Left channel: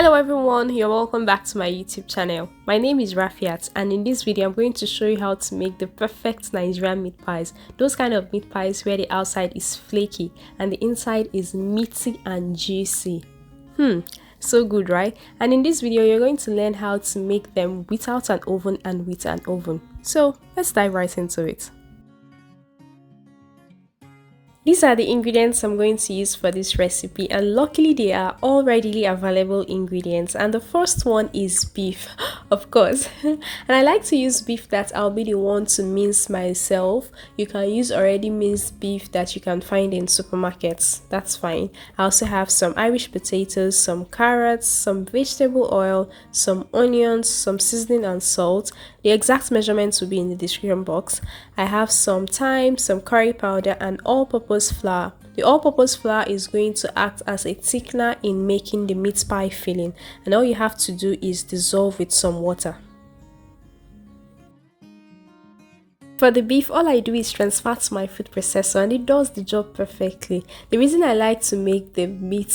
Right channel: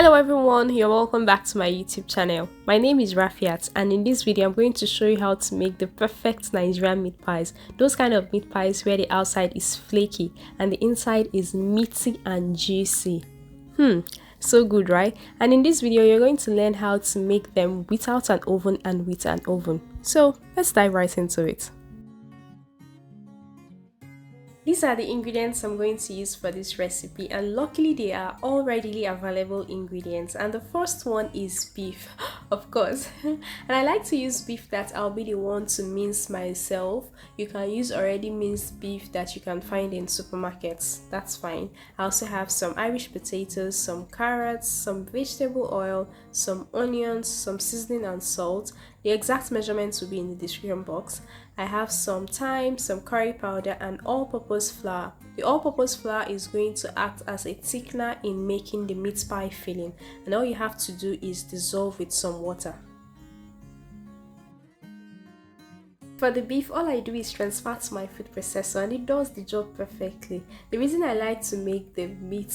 Hello everyone, you're welcome back to my YouTube channel. My name is Rafiat, and in this video I'm going to show you how to make the perfect Nigerian meat pies. Those kind of meat pies where the outside is flaky and the inside is meaty and juicy. So good, right? And in this video you're going to learn how to make them without an oven and with an oven. So let's dive right into it. These are the ingredients I'm going to use for this recipe, and luckily they are all readily available ingredients. And the first one is beef, of course. And I like to use beef that I'll be the one to mince myself. You can use already minced beef that you can find in supermarkets, that's fine. I also have some Irish potatoes, some carrots, some vegetable oil, some onions, some seasoning and salt. The exact measurements will be in the description box. I have some thyme, some curry powder, and all-purpose flour. The all-purpose flour is going to act as a thickener in making the meat pie filling, and all you have to do is dissolve with some water. For the beef, all I do is transfer to my food processor and it does the job perfectly. The reason I like to make the meat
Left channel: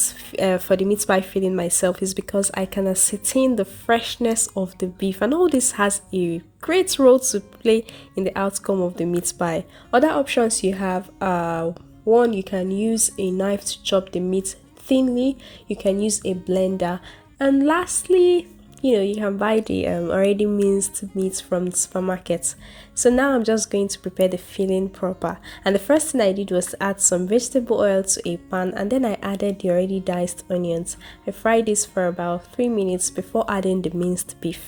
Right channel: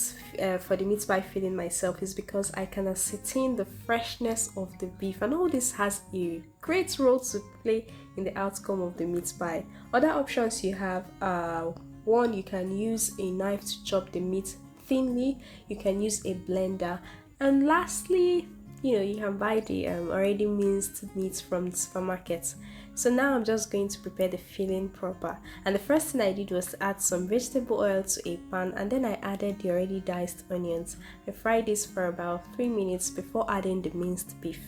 for the meat pie filling myself is because I can ascertain the freshness of the beef, and all this has a great role to play in the outcome of the meat pie. Other options you have are, one, you can use a knife to chop the meat thinly, you can use a blender, and lastly, you can buy the already minced meat from the supermarket. So now I'm just going to prepare the filling proper, and the first thing I did was to add some vegetable oil to a pan, and then I added the already diced onions. I fried this for about 3 minutes before adding the minced beef.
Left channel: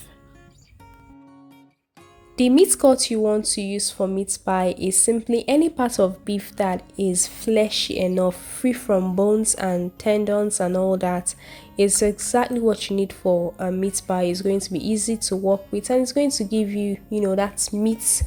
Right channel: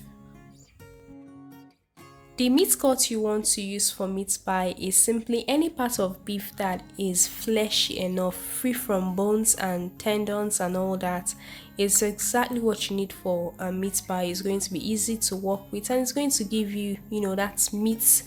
The meat cut you want to use for meat pie is simply any part of beef that is fleshy enough, free from bones and tendons and all that. It's exactly what you need for a meat pie. It's going to be easy to work with, and it's going to give you, that meat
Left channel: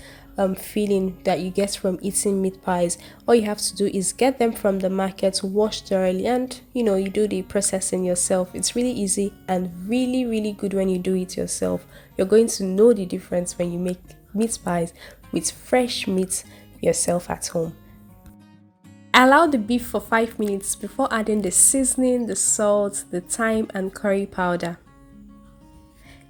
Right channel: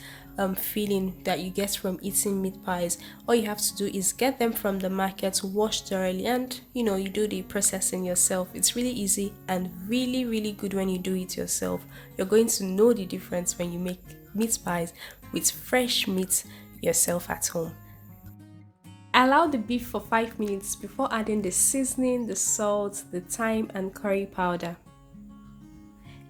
feeling that you get from eating meat pies. All you have to do is get them from the market, wash thoroughly, and you do the processing yourself. It's really easy and really good when you do it yourself. You're going to know the difference when you make meat pies with fresh meat yourself at home. I allowed the beef for 5 minutes before adding the seasoning, the salt, the thyme, and curry powder.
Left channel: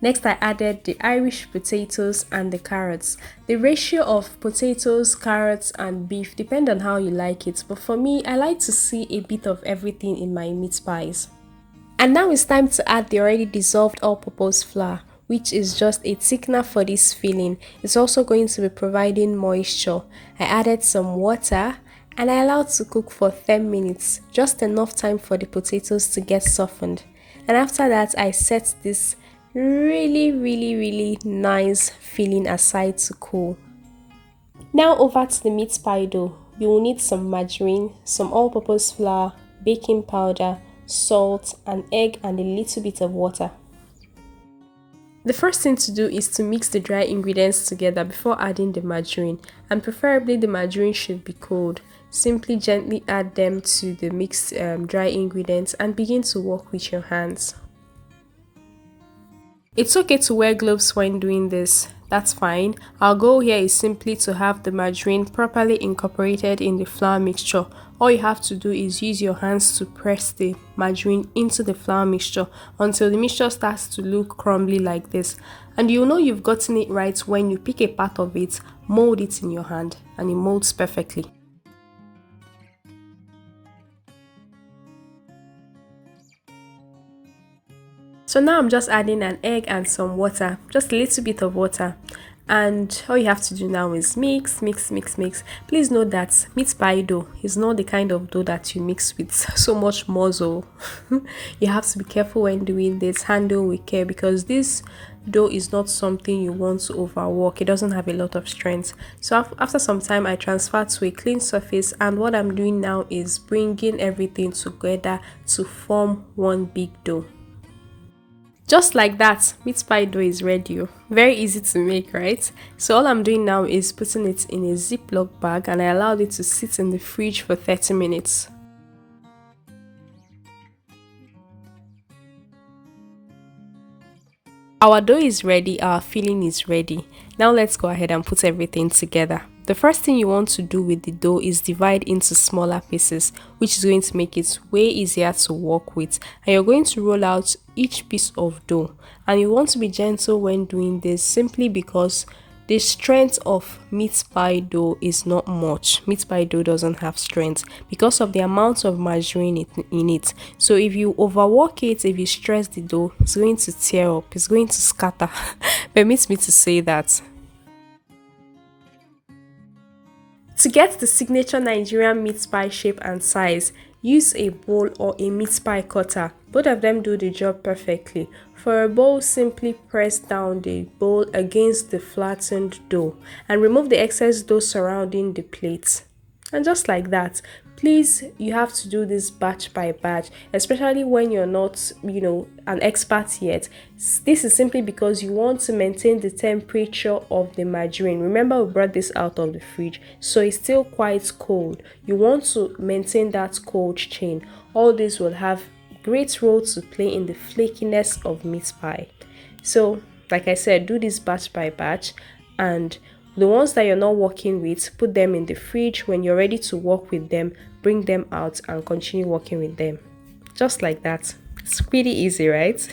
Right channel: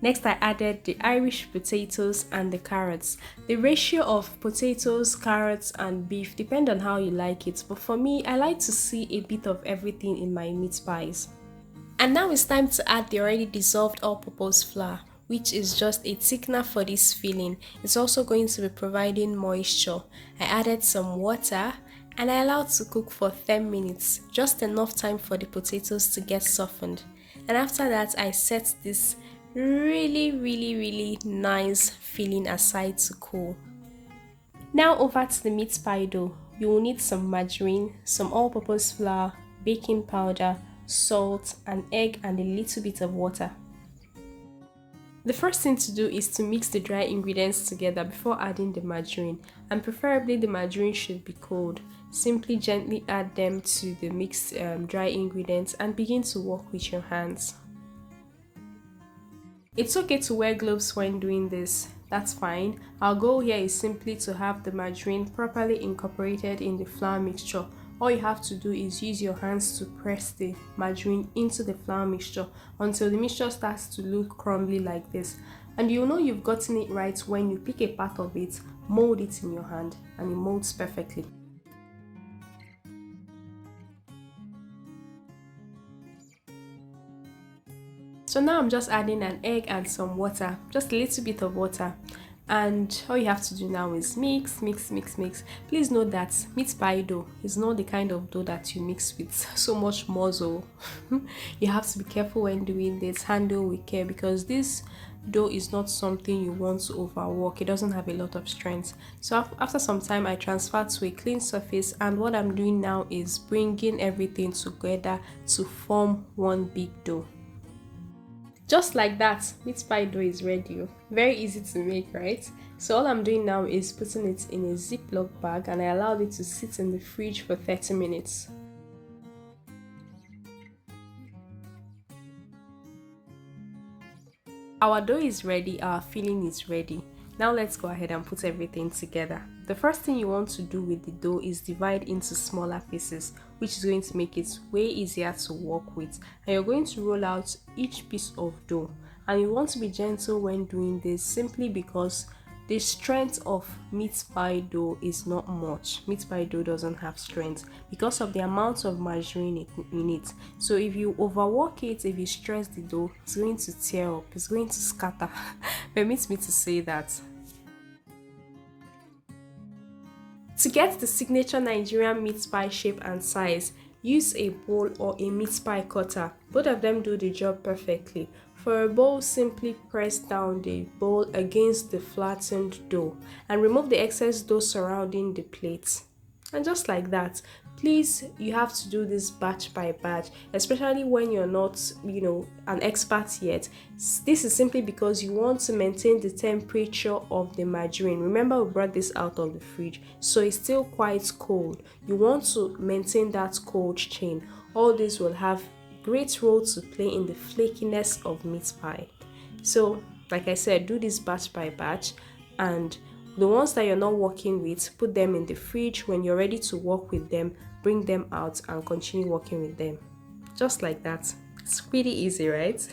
Next, I added the Irish potatoes and the carrots. The ratio of potatoes, carrots, and beef depends on how you like it, but for me, I like to see a bit of everything in my meat pies. And now it's time to add the already dissolved all-purpose flour, which is just a thickener for this filling. It's also going to be providing moisture. I added some water and I allowed to cook for 10 minutes, just enough time for the potatoes to get softened. And after that, I set this really nice filling aside to cool. Now over to the meat pie dough. You will need some margarine, some all-purpose flour, baking powder, salt, an egg, and a little bit of water. The first thing to do is to mix the dry ingredients together before adding the margarine, and preferably the margarine should be cold. Simply gently add them to the mixed dry ingredients and begin to work with your hands. It's okay to wear gloves when doing this, that's fine. Our goal here is simply to have the margarine properly incorporated in the flour mixture. All you have to do is use your hands to press the margarine into the flour mixture until the mixture starts to look crumbly like this. And you'll know you've gotten it right when you pick a part of it, mold it in your hand, and it molds perfectly. So now I'm just adding an egg and some water, just a little bit of water. And all you have to do now is mix. Please note that meat pie dough is not the kind of dough that you mix with so much muscle. You have to be careful when doing this, handle with care, because this dough is not something you want to overwork. It doesn't have a lot of strength. So after some time, I transfer to a clean surface, and what I'm doing now is bringing everything together to form one big dough. Just like that, meat pie dough is ready. Very easy to make, right? So all I'm doing now is putting it in a Ziploc bag, and I allowed it to sit in the fridge for 30 minutes. Our dough is ready, our filling is ready. Now let's go ahead and put everything together. the first thing you want to do with the dough is divide into smaller pieces, which is going to make it way easier to work with. And you're going to roll out each piece of dough. And you want to be gentle when doing this simply because the strength of meat pie dough is not much. Meat pie dough doesn't have strength because of the amount of margarine in it. So if you overwork it, if you stress the dough, it's going to tear up, it's going to scatter. Permit me to say that. To get the signature Nigerian meat pie shape and size, use a bowl or a meat pie cutter. Both of them do the job perfectly. For a bowl, simply press down the bowl against the flattened dough and remove the excess dough surrounding the plate. And just like that, please, you have to do this batch by batch, especially when you're not, an expert yet. This is simply because you want to maintain the temperature of the margarine. Remember, we brought this out of the fridge, so it's still quite cold. You want to maintain that cold chain. All this will have great role to play in the flakiness of meat pie. So, like I said, do this batch by batch, and the ones that you're not working with, put them in the fridge. When you're ready to work with them, bring them out and continue working with them. Just like that. It's pretty easy, right?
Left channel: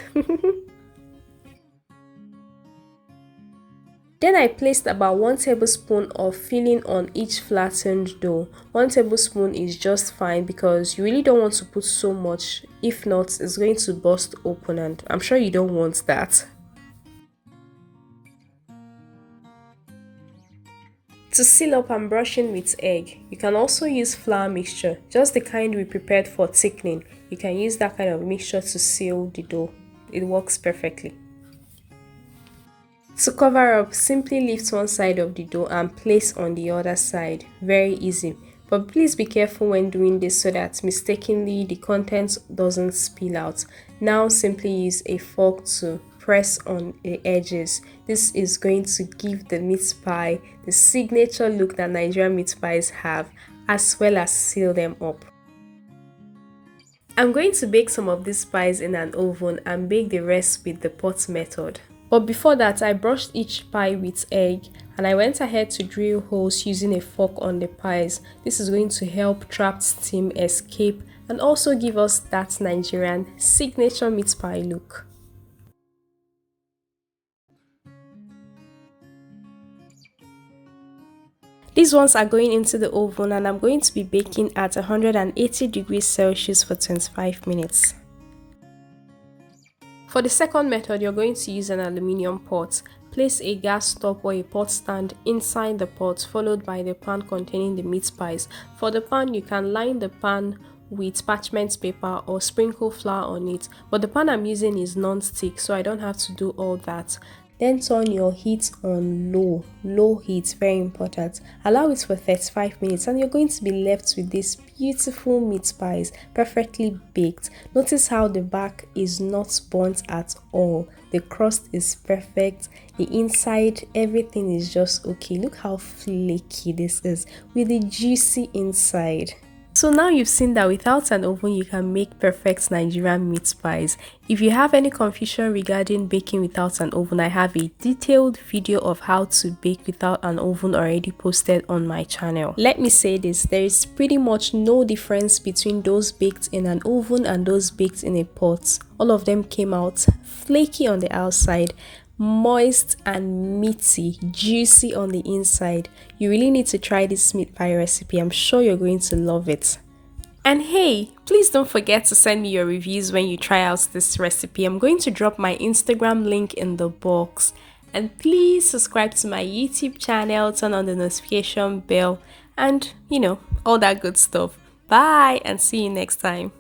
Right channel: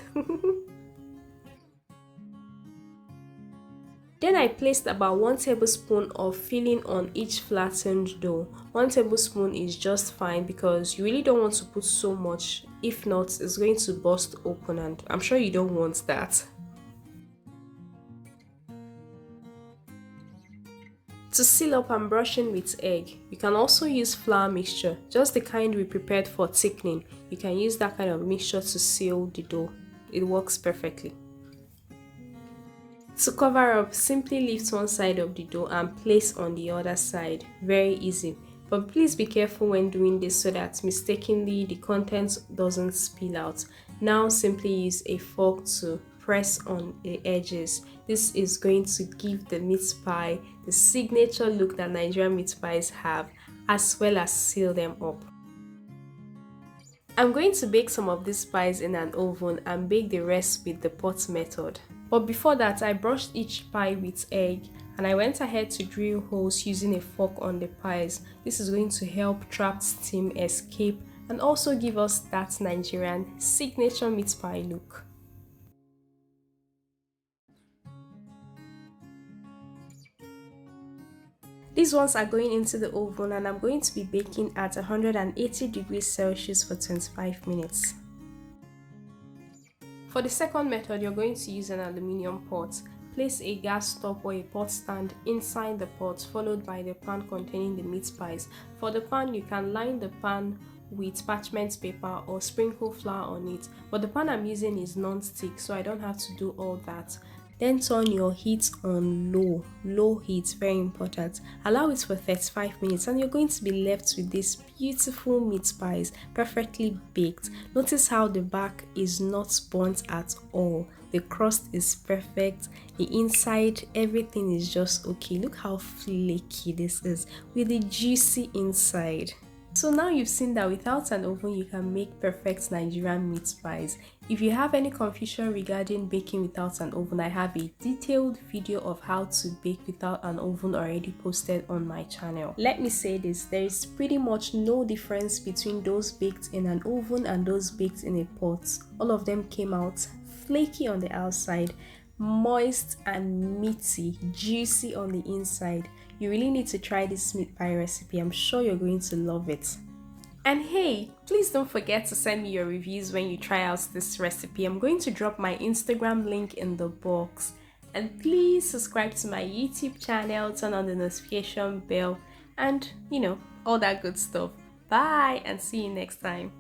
Then I placed about 1 tablespoon of filling on each flattened dough. 1 tablespoon is just fine because you really don't want to put so much. If not, it's going to burst open and I'm sure you don't want that. To seal up, I'm brushing with egg. You can also use flour mixture, just the kind we prepared for thickening. You can use that kind of mixture to seal the dough. It works perfectly. To cover up, simply lift one side of the dough and place on the other side. Very easy. But please be careful when doing this so that mistakenly the contents doesn't spill out. Now simply use a fork to press on the edges. This is going to give the meat pie the signature look that Nigerian meat pies have, as well as seal them up. I'm going to bake some of these pies in an oven and bake the rest with the pot method. But before that, I brushed each pie with egg and I went ahead to drill holes using a fork on the pies. This is going to help trapped steam escape and also give us that Nigerian signature meat pie look. These ones are going into the oven and I'm going to be baking at 180 degrees Celsius for 25 minutes. For the second method, you're going to use an aluminium pot. Place a gas stop or a pot stand inside the pot, followed by the pan containing the meat pies. For the pan, you can line the pan with parchment paper or sprinkle flour on it, but the pan I'm using is non-stick, so I don't have to do all that. Then turn your heat on low heat, very important. Allow it for 35 minutes and you're going to be left with these beautiful meat pies, perfectly baked. Notice how the back is not burnt at all. The crust is perfect, the inside, everything is just okay. Look how flaky this is with the juicy inside. So now you've seen that without an oven you can make perfect Nigerian meat pies. If you have any confusion regarding baking without an oven, I have a detailed video of how to bake without an oven already posted on my channel. Let me say this, there is pretty much no difference between those baked in an oven and those baked in a pot. All of them came out flaky on the outside, moist and meaty, juicy on the inside. You really need to try this meat pie recipe. I'm sure you're going to love it. And hey, please don't forget to send me your reviews when you try out this recipe. I'm going to drop my Instagram link in the box. And please subscribe to my YouTube channel, turn on the notification bell, and all that good stuff. Bye and see you next time.